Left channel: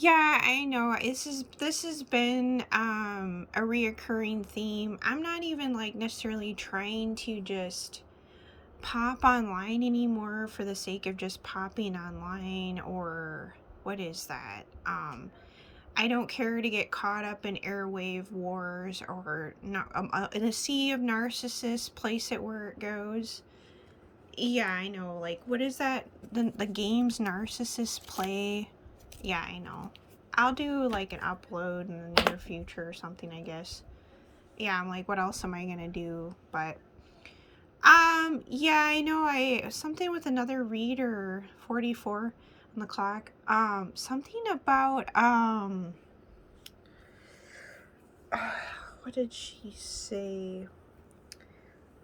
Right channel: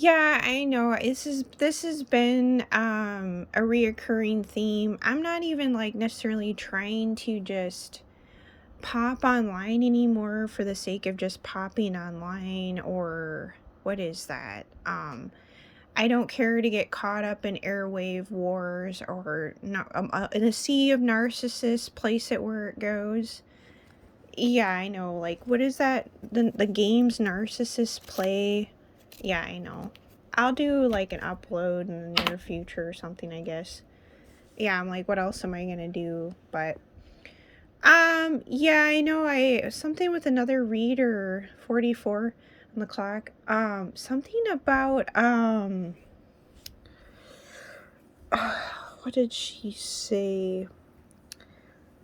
Yeah, I know. This has been a reoccurring theme. I'm not even like necessarily trying to just pop online anymore for the sake of just popping online or what is that? I don't care to get caught up in airwave wars or not in a sea of narcissists, place it where it goes. Yeah, I know. Like, what is that? The games narcissists play. Yeah, I know. I'll do like an upload in the near future or something, I guess. Yeah, I'm like, what else am I gonna do? But yeah, I know. I something with another reader, 44 on the clock. Something about what did she say?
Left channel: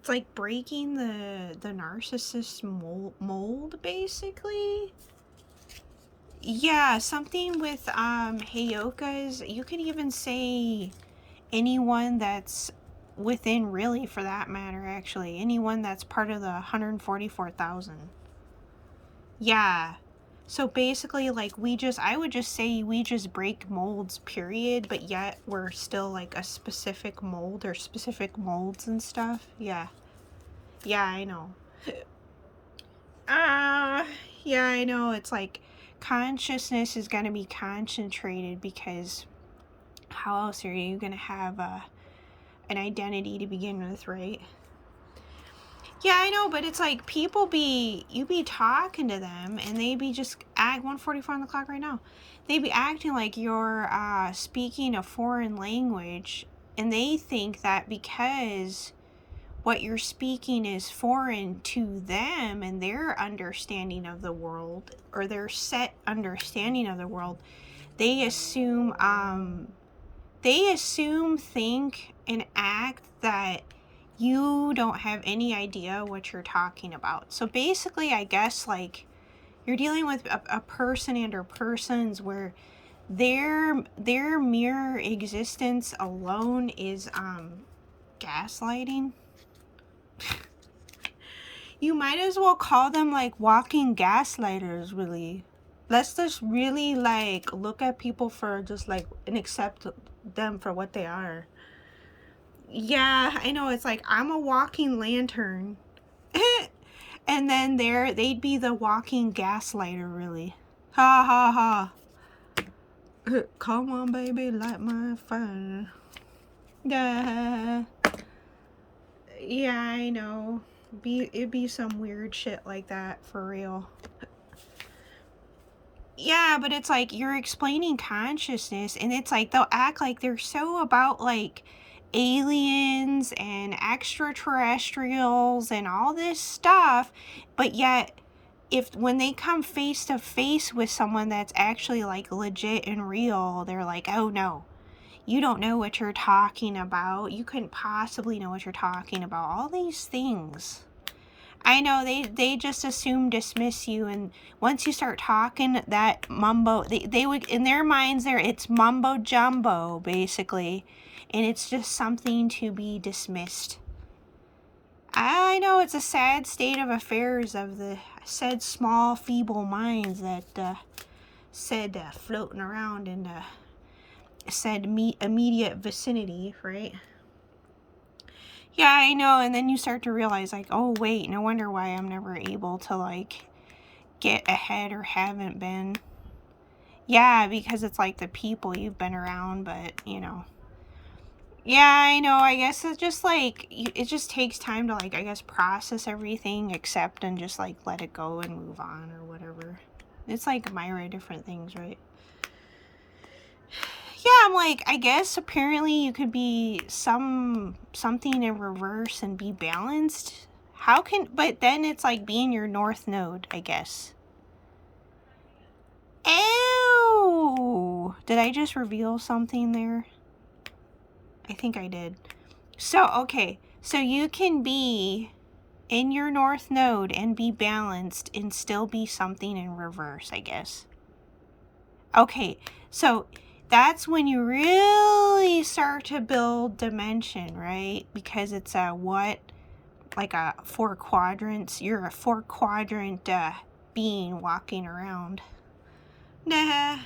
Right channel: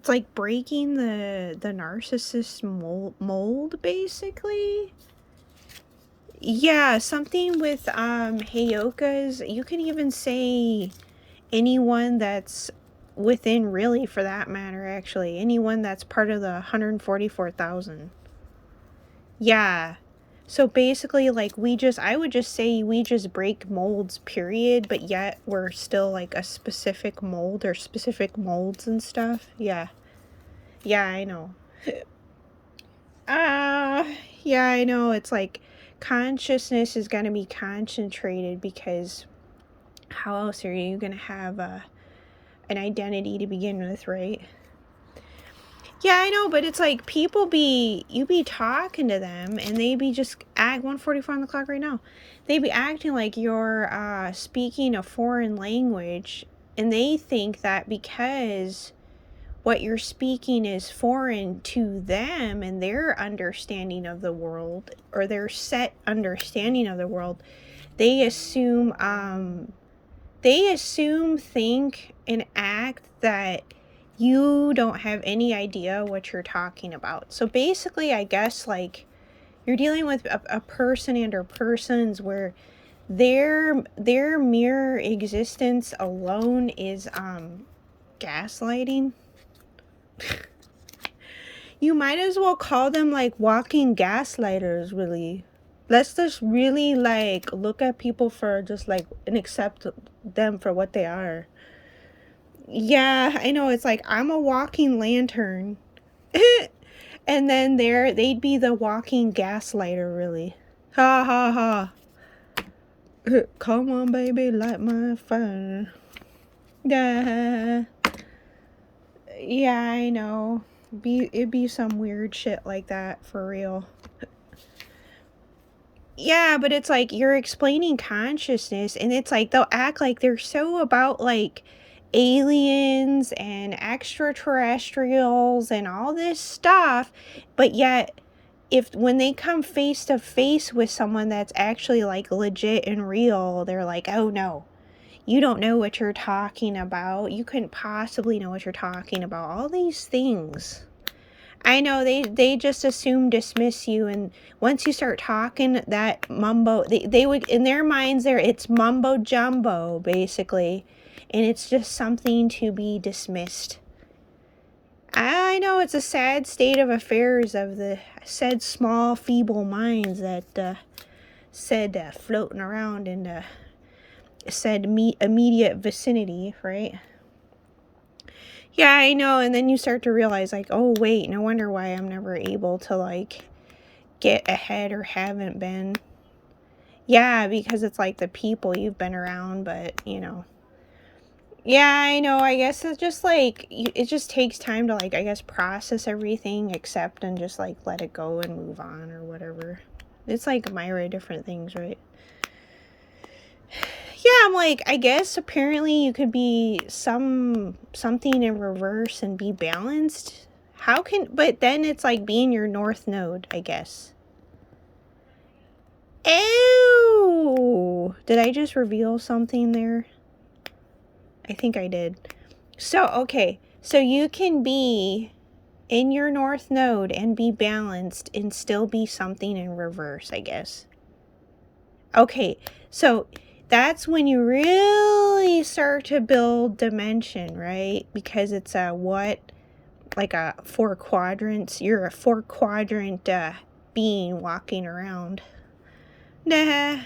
It's like breaking the narcissist mold basically. Yeah, something with Heyoka's. You could even say anyone that's within, really, for that matter, actually. Anyone that's part of the 144,000. Yeah. So basically, like, I would just say we just break molds, period, but yet we're still like a specific mold or specific molds and stuff. Yeah. Yeah, I know. Uh, yeah, I know. It's like consciousness is going to be concentrated because how else are you going to have an identity to begin with, right? Yeah, I know, but it's like you be talking to them and they be just at 1:44 on the clock right now. They be acting like you're speaking a foreign language, and they think that because what you're speaking is foreign to them and their understanding of the world or their set understanding of the world, they assume, think, and act that you don't have any idea what you're talking about. So basically, I guess like you're dealing with a person and or persons where their mere existence alone is gaslighting. You might as well call them like walking gaslighters, really. Let's just really like look at people for just like and accept them for what they are. Yeah, I know. It's like I'm a walking lantern. And then they'd be the walking gaslighter, really. Ha ha ha. Come on, baby, light my fire. Yeah. Yeah, I know. It'd be some weird shit like that for real. Yeah, but it's like you're explaining consciousness, and it's like they'll act like they're so about like aliens and extraterrestrials and all this stuff, but yet if when they come face to face with someone that's actually like legit and real, they're like, "Oh no, you don't know what you're talking about. You couldn't possibly know what you're talking about." All these things. I know they just assume dismiss you, and once you start talking that mumbo, they would in their minds there it's mumbo jumbo basically, and it's just something to be dismissed. I know it's a sad state of affairs of the said small feeble minds that said floating around in the said immediate vicinity, right? Yeah, I know, and then you start to realize like, oh wait, no wonder why I'm never able to like get ahead or haven't been. Yeah, because it's like the people you've been around, but you know. Yeah, I know. I guess it's just like it just takes time to like I guess process everything, accept and just like let it go and move on or whatever. It's like myriad different things, right? Yeah, I'm like I guess apparently you could be something in reverse and be balanced. How can but then it's like being your north node, I guess. Ew! Did I just reveal something there? I think I did. So, okay. So you can be in your north node and be balanced and still be something in reverse, I guess. Okay. So that's when you really start to build dimension, right? Because it's a what? Like a 4 quadrants. You're a 4 quadrant being walking around. Nah.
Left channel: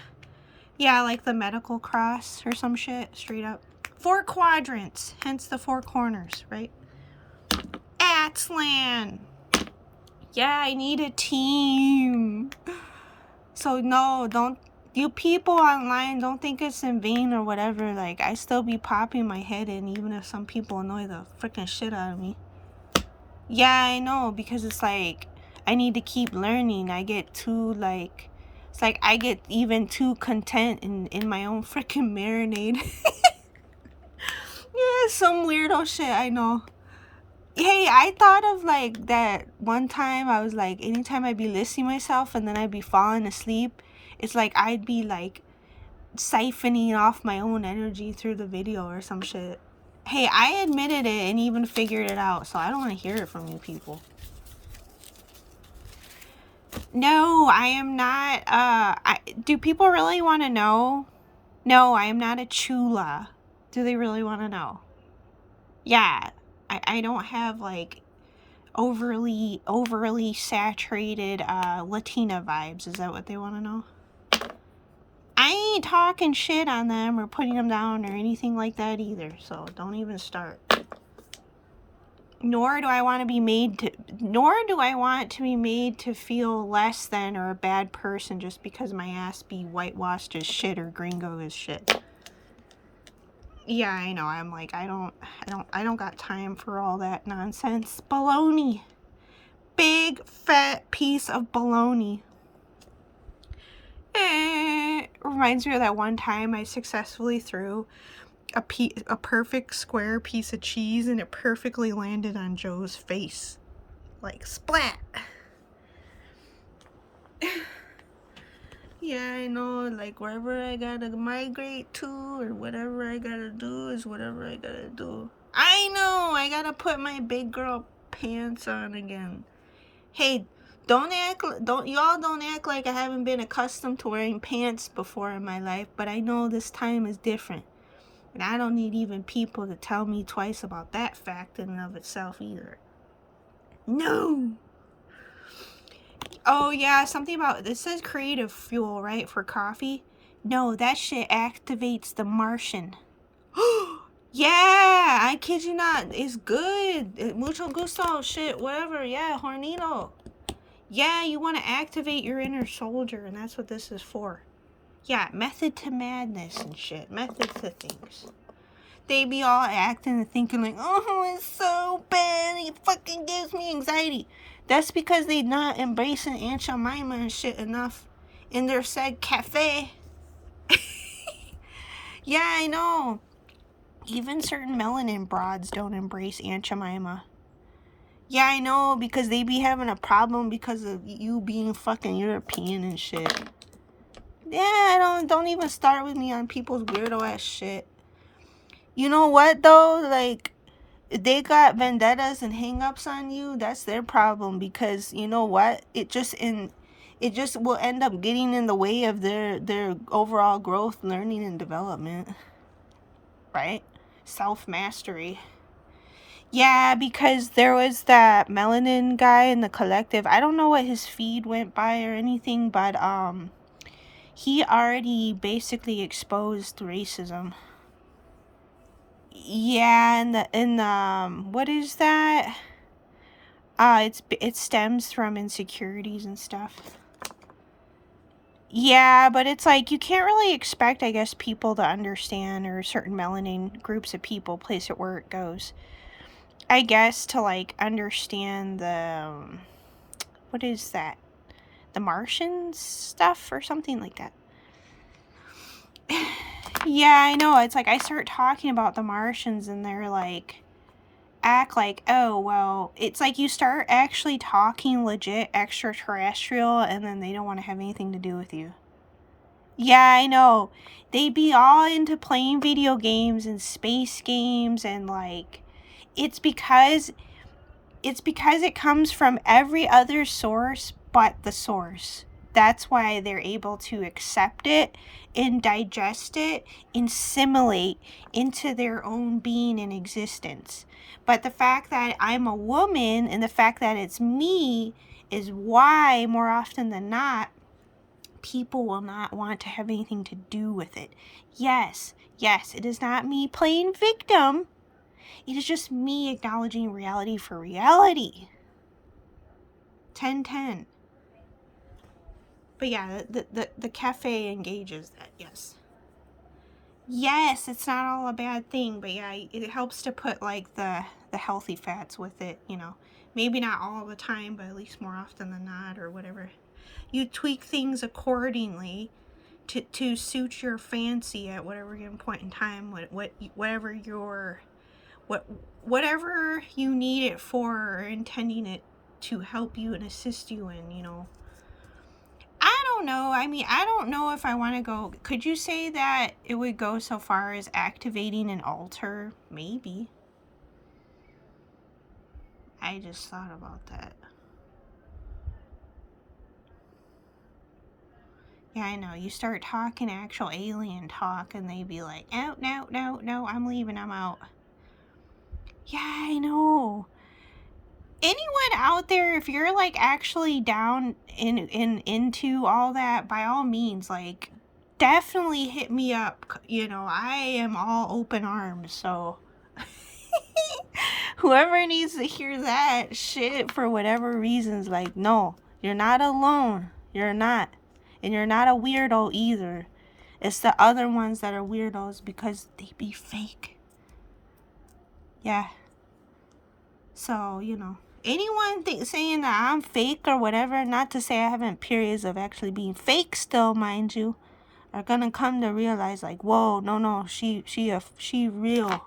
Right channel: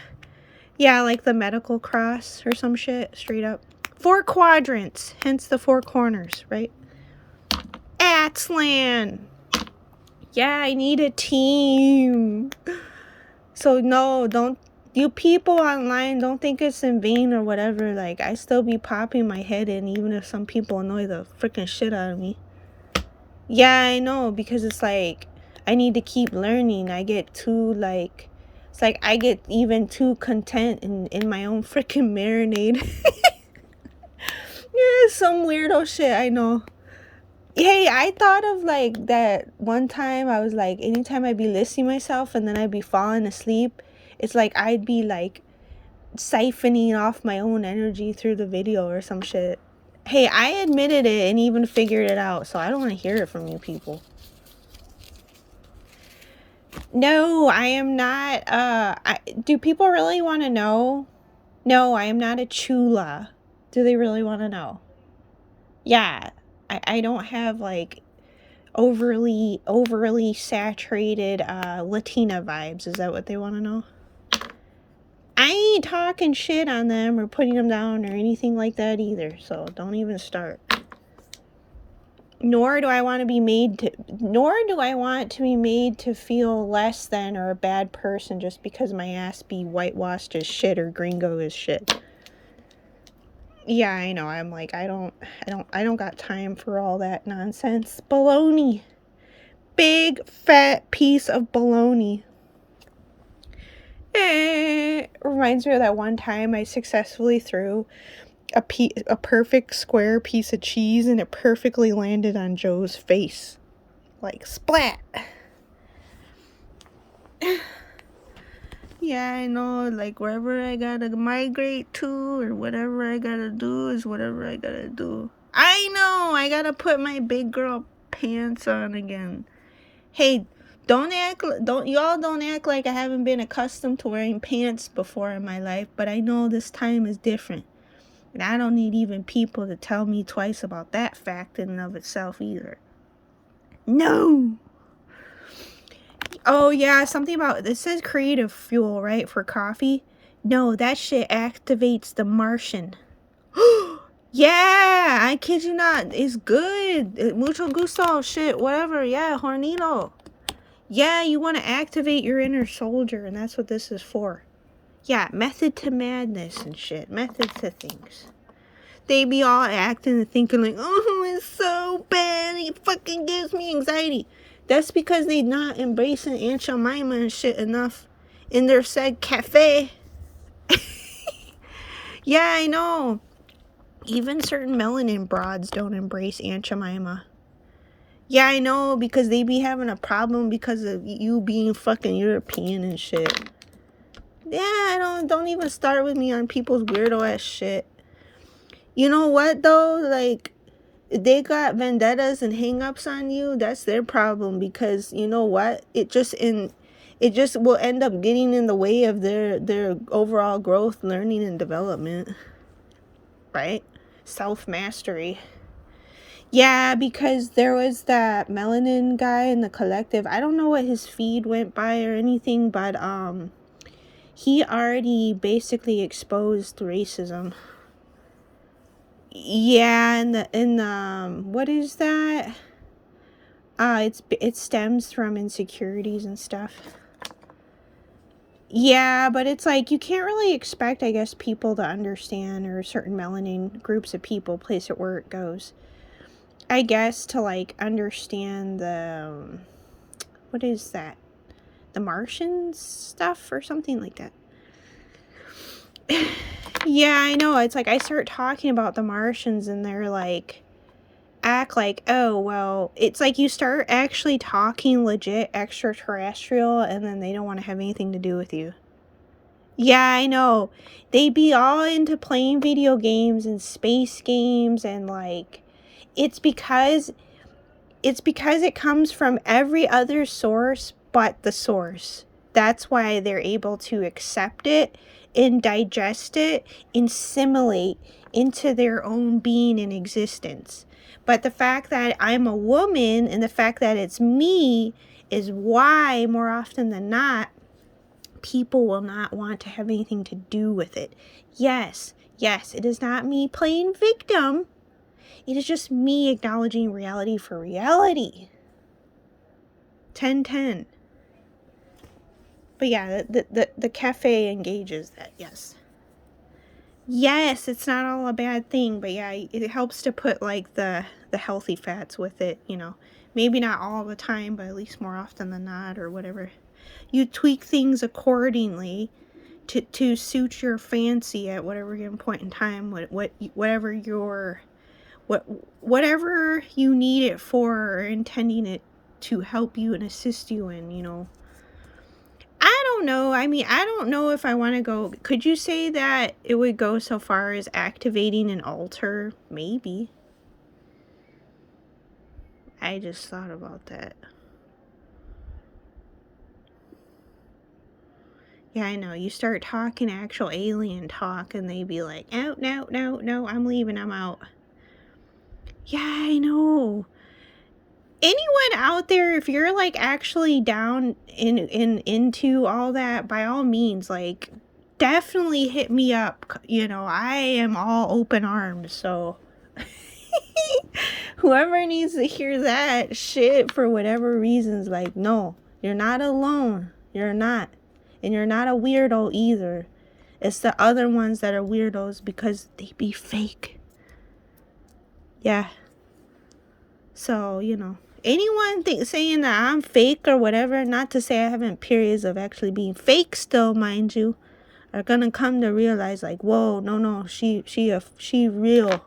Yeah, like the medical cross or some shit, straight up. 4 quadrants, hence the 4 corners, right? Atslan! Yeah, I need a team. So no, don't, you people online, don't think it's in vain or whatever. Like, I still be popping my head in, even if some people annoy the freaking shit out of me. Yeah, I know, because it's like, I need to keep learning. I get too, like, it's like I get even too content in my own freaking marinade. Yeah, some weirdo shit, I know. Hey, I thought of like that one time I was like, anytime I'd be listening myself and then I'd be falling asleep, it's like I'd be like siphoning off my own energy through the video or some shit. Hey, I admitted it and even figured it out, so I don't want to hear it from you people. No, I am not. Do people really want to know? No, I am not a chula. Do they really want to know? Yeah, I don't have like overly saturated Latina vibes. Is that what they want to know? I ain't talking shit on them or putting them down or anything like that either, so don't even start. Nor do I want to be made to feel less than or a bad person just because my ass be whitewashed as shit or gringo as shit. Yeah, I know. I'm like, I don't got time for all that nonsense. Baloney. Big fat piece of baloney. Reminds me of that one time I successfully threw a perfect square piece of cheese and it perfectly landed on Joe's face. Like, splat. Yeah, I know, like, wherever I gotta migrate to or whatever I gotta do is whatever I gotta do. I know, I gotta put my big girl pants on again. Hey, don't act like I haven't been accustomed to wearing pants before in my life, but I know this time is different. And I don't need even people to tell me twice about that fact in and of itself either. No. Oh yeah, something about, this says creative fuel, right, for coffee? No, that shit activates the Martian. Yeah, I kid you not, it's good. Mucho gusto, shit, whatever, yeah, hornito. Yeah, you want to activate your inner soldier, and that's what this is for. Yeah, method to madness and shit. Method to things. They be all acting and thinking like, oh, it's so bad. It fucking gives me anxiety. That's because they not embracing Aunt Jemima and shit enough in their said cafe. Yeah, I know. Even certain melanin broads don't embrace Aunt Jemima. Yeah, I know, because they be having a problem because of you being fucking European and shit. Yeah, don't even start with me on people's weirdo ass shit. You know what though? Like, they got vendettas and hang-ups on you. That's their problem, because you know what? It just will end up getting in the way of their overall growth, learning, and development. Right? Self-mastery. Yeah, because there was that melanin guy in the collective. I don't know what his feed went by or anything, but he already basically exposed racism. Yeah, and what is that? It stems from insecurities and stuff. Yeah, but it's like you can't really expect, I guess, people to understand, or certain melanin groups of people, place it where it goes. I guess to like understand the what is that? The Martian stuff or something like that. Yeah, I know. It's like I start talking about the Martians and they're like, act like, oh, well, it's like you start actually talking legit extraterrestrial and then they don't want to have anything to do with you. Yeah, I know. They be all into playing video games and space games, and like, it's because it comes from every other source but the source. That's why they're able to accept it and digest it and assimilate into their own being and existence. But the fact that I'm a woman and the fact that it's me is why, more often than not, people will not want to have anything to do with it. Yes, it is not me playing victim. It is just me acknowledging reality for reality. 10-10. But yeah, the cafe engages that, yes. Yes, it's not all a bad thing, but yeah, it helps to put like the healthy fats with it, you know. Maybe not all the time, but at least more often than not, or whatever. You tweak things accordingly to suit your fancy at whatever given point in time, whatever whatever you need it for, or intending it to help you and assist you in, you know. I don't know. I mean, I don't know if I want to go. Could you say that it would go so far as activating an altar? Maybe. I just thought about that. Yeah, I know. You start talking actual alien talk, and they be like, "Oh, no, I'm leaving. I'm out." Yeah, I know. Anyone out there, if you're like actually down into all that, by all means, like, definitely hit me up. You know, I am all open arms, so whoever needs to hear that shit for whatever reasons, like, no, you're not alone. You're not. And you're not a weirdo either. It's the other ones that are weirdos because they be fake. Yeah. So, you know, anyone saying that I'm fake or whatever, not to say I haven't periods of actually being fake still, mind you, are gonna come to realize, like, whoa, no, she real.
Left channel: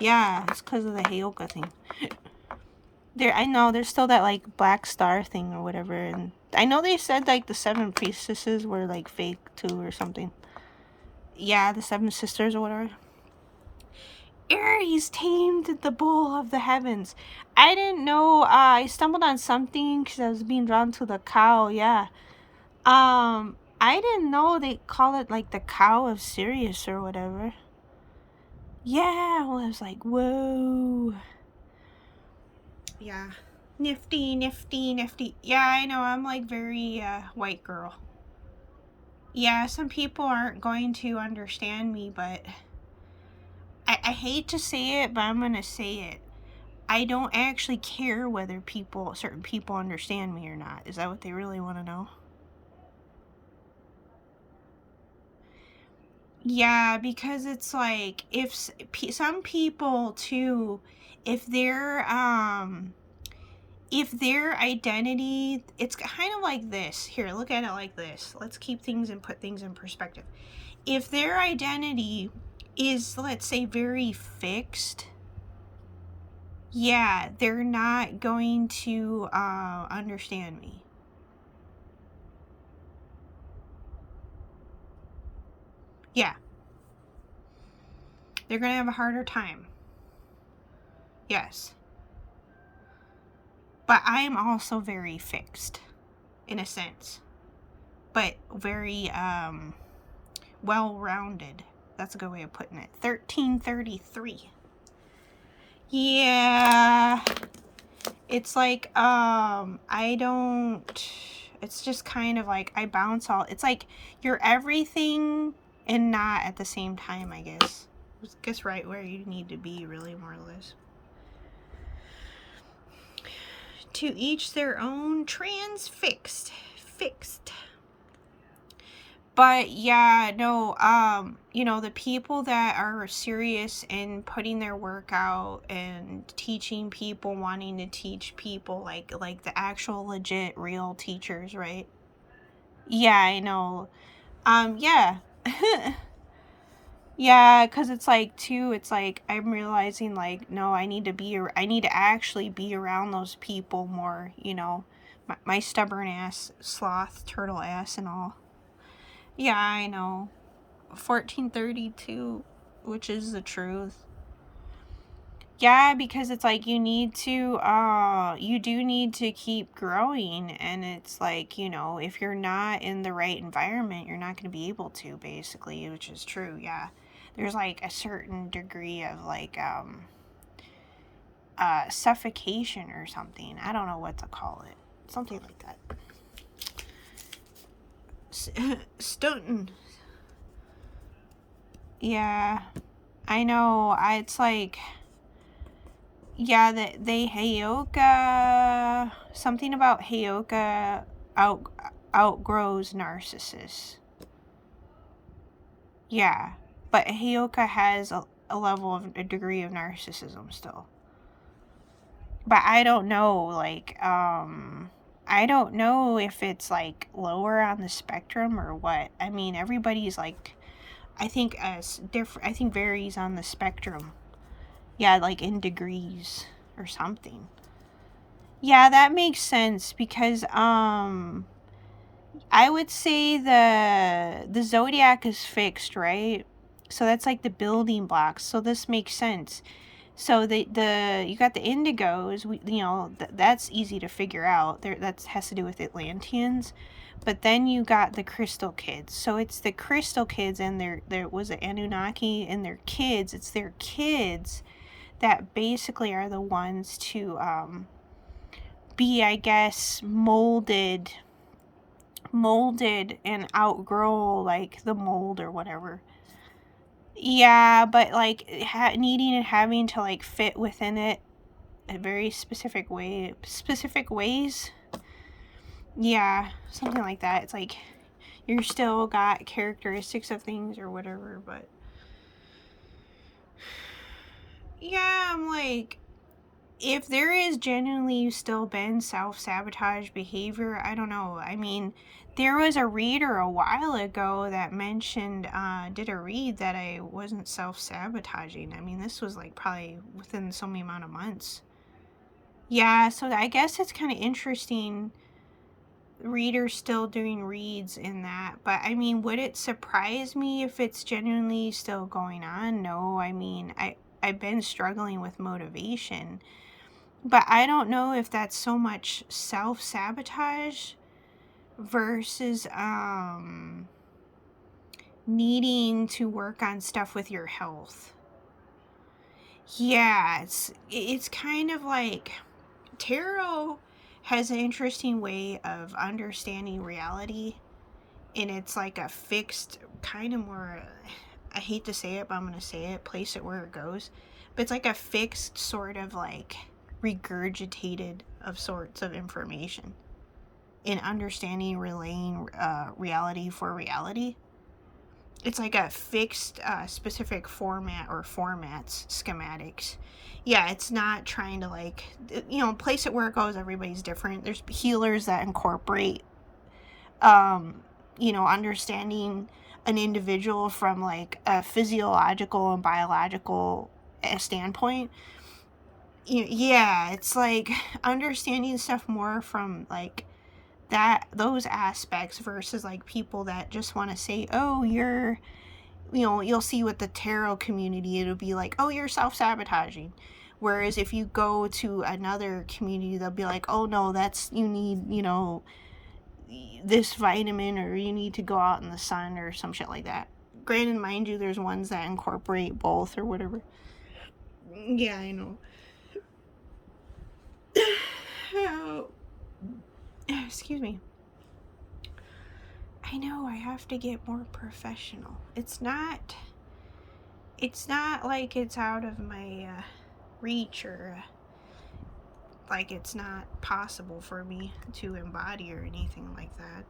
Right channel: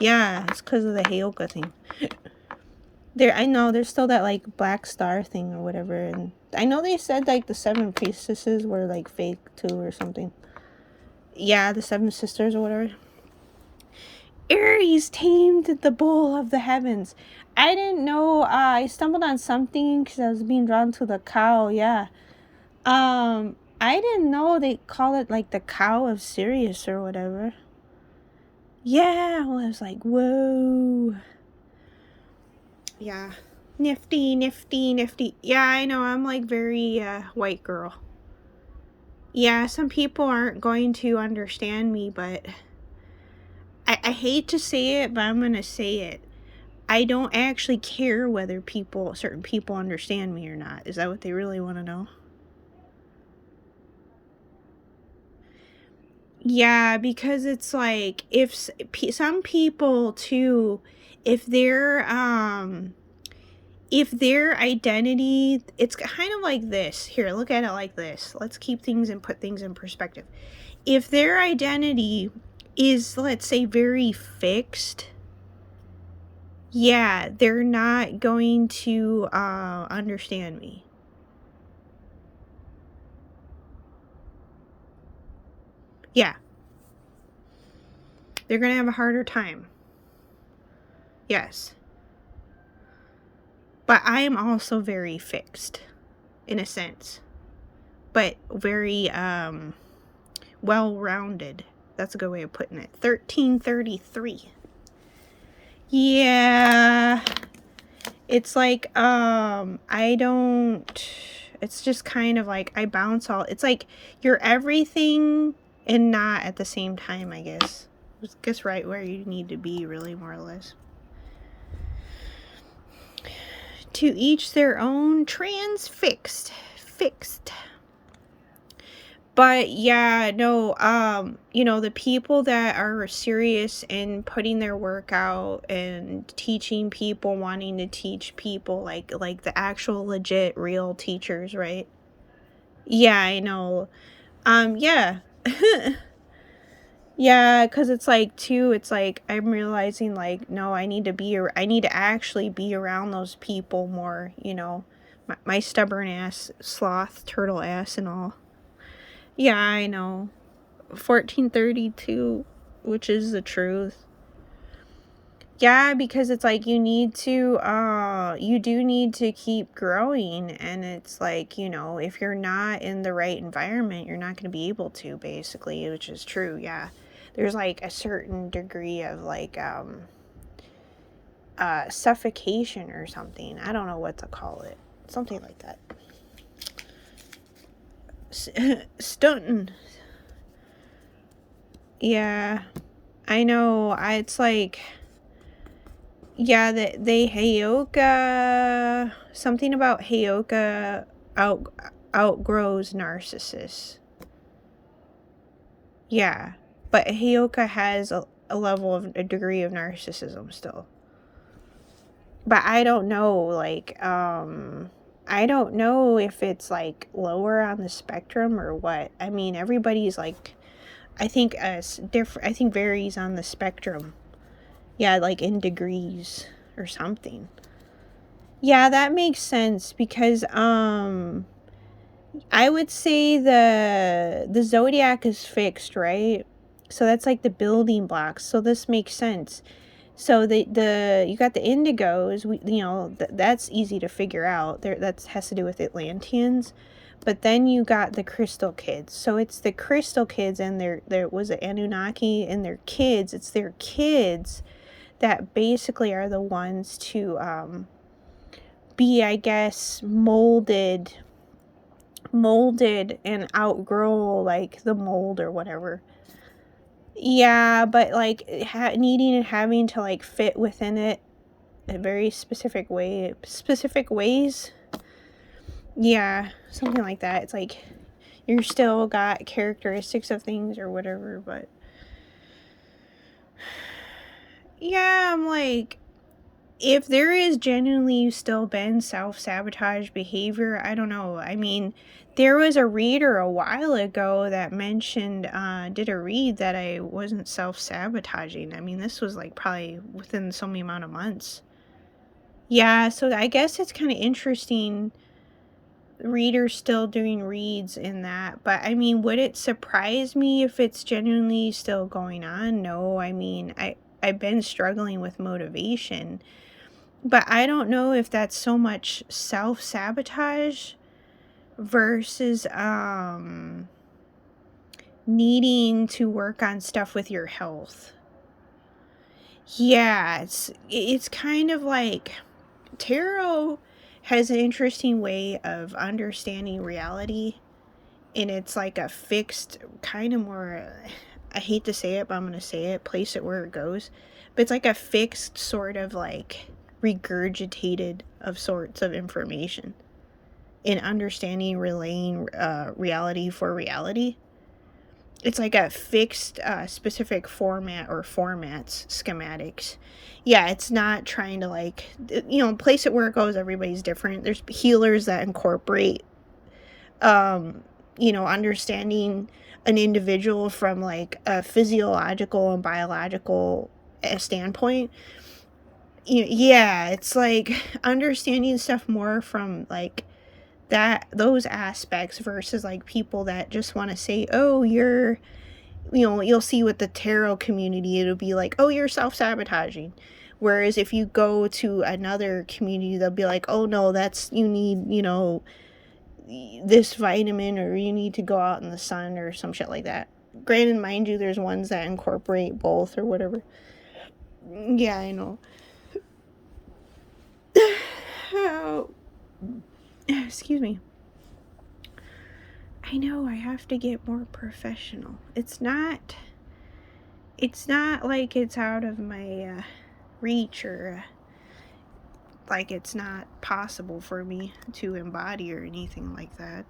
Yeah, it's because of the Heyoka thing. I know there's still that like black star thing or whatever, and I know they said like the 7 priestesses were like fake too or something. Yeah, the 7 sisters or whatever. Aries tamed the bull of the heavens. I didn't know. I stumbled on something because I was being drawn to the cow. Yeah. I didn't know they call it like the cow of Sirius or whatever. Yeah. Well, I was like, whoa. Yeah. Nifty. Yeah, I know. I'm like very white girl. Yeah, some people aren't going to understand me, but I hate to say it, but I'm going to say it. I don't actually care whether certain people understand me or not. Is that what they really want to know? Yeah, because it's like if some people too, if their identity, it's kind of like this. Here, look at it like this. Let's keep things and put things in perspective. If their identity is, let's say, very fixed, yeah, they're not going to understand me. Yeah. They're going to have a harder time. Yes. But I am also very fixed, in a sense. But very well-rounded. That's a good way of putting it. 1333. Yeah. It's like, I don't... It's just kind of like, I bounce all... It's like, you're everything and not at the same time, I guess. Just right where you need to be, really, more or less. To each their own. Fixed. But yeah, no, you know, the people that are serious in putting their work out and teaching people, wanting to teach people, like the actual legit real teachers, right? Yeah, I know. Yeah. Yeah, because it's like too, it's like I'm realizing, like, no, I need to actually be around those people more, you know, my stubborn ass, sloth, turtle ass and all. Yeah, I know. 1432, which is the truth. Yeah, because it's like you do need to keep growing, and it's like, you know, if you're not in the right environment, you're not going to be able to, basically, which is true. Yeah. There's like a certain degree of like suffocation or something. I don't know what to call it. Something like that. Stunting. Yeah, I know. It's like, yeah, that they Heyoka, something about Heyoka out outgrows narcissists. Yeah, but Heyoka has a level of a degree of narcissism still. But I don't know, like, I don't know if it's like lower on the spectrum or what. I mean, everybody's like, I think different. I think varies on the spectrum. Yeah, like in degrees or something. Yeah, that makes sense because I would say the zodiac is fixed, right? So that's like the building blocks. So this makes sense. So the you got the indigos, that's easy to figure out. There that has to do with Atlanteans. But then you got the crystal kids. So it's the crystal kids and their was it Anunnaki and their kids. It's their kids that basically are the ones to be, I guess, molded and outgrow like the mold or whatever. Yeah, but like needing and having to like fit within it a very specific ways. Yeah, something like that. It's like you're still got characteristics of things or whatever, but yeah, I'm like, if there is genuinely still been self-sabotage behavior, I don't know. I mean, there was a reader a while ago that mentioned, did a read that I wasn't self-sabotaging. I mean, this was like probably within so many amount of months. Yeah, so I guess it's kind of interesting readers still doing reads in that. But I mean, would it surprise me if it's genuinely still going on? No, I mean, I've been struggling with motivation. But I don't know if that's so much self-sabotage versus needing to work on stuff with your health. Yeah, it's kind of like tarot has an interesting way of understanding reality, and it's like a fixed kind of more, I hate to say it, but I'm going to say it, place it where it goes. But it's like a fixed sort of like regurgitated of sorts of information in understanding relaying reality for reality. It's like a fixed specific format or formats schematics. Yeah, it's not trying to like, place it where it goes. Everybody's different. There's healers that incorporate understanding an individual from like a physiological and biological standpoint. Yeah, it's like understanding stuff more from like those aspects versus like people that just want to say, oh, you'll see with the tarot community, it'll be like, oh, you're self-sabotaging. Whereas if you go to another community, they'll be like, oh no, that's, you need, this vitamin, or you need to go out in the sun or some shit like that. Granted, mind you, there's ones that incorporate both or whatever. Yeah, I know. Oh, excuse me. I know I have to get more professional. It's not like it's out of my reach, or like it's not possible for me to embody or anything like that.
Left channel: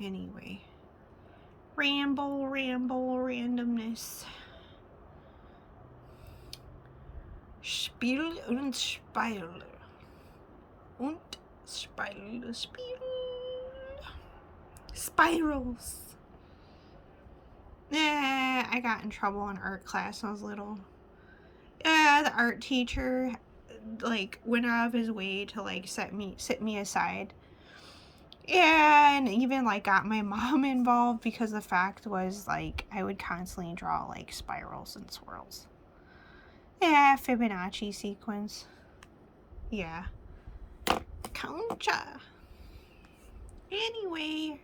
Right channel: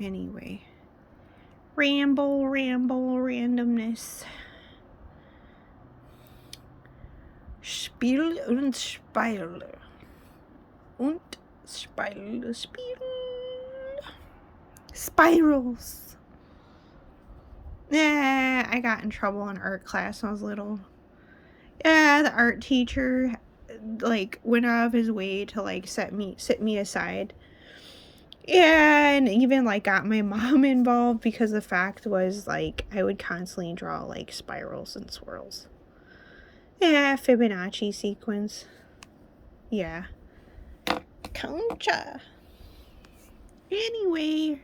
Anyway, ramble, randomness. Spiel und Speil. Und Speil, Spiel. Spirals. Yeah, I got in trouble in art class when I was little. Yeah, the art teacher like went out of his way to like sit me aside. Yeah, and even like got my mom involved because the fact was like I would constantly draw like spirals and swirls. Yeah, Fibonacci sequence. Yeah. Concha. Anyway,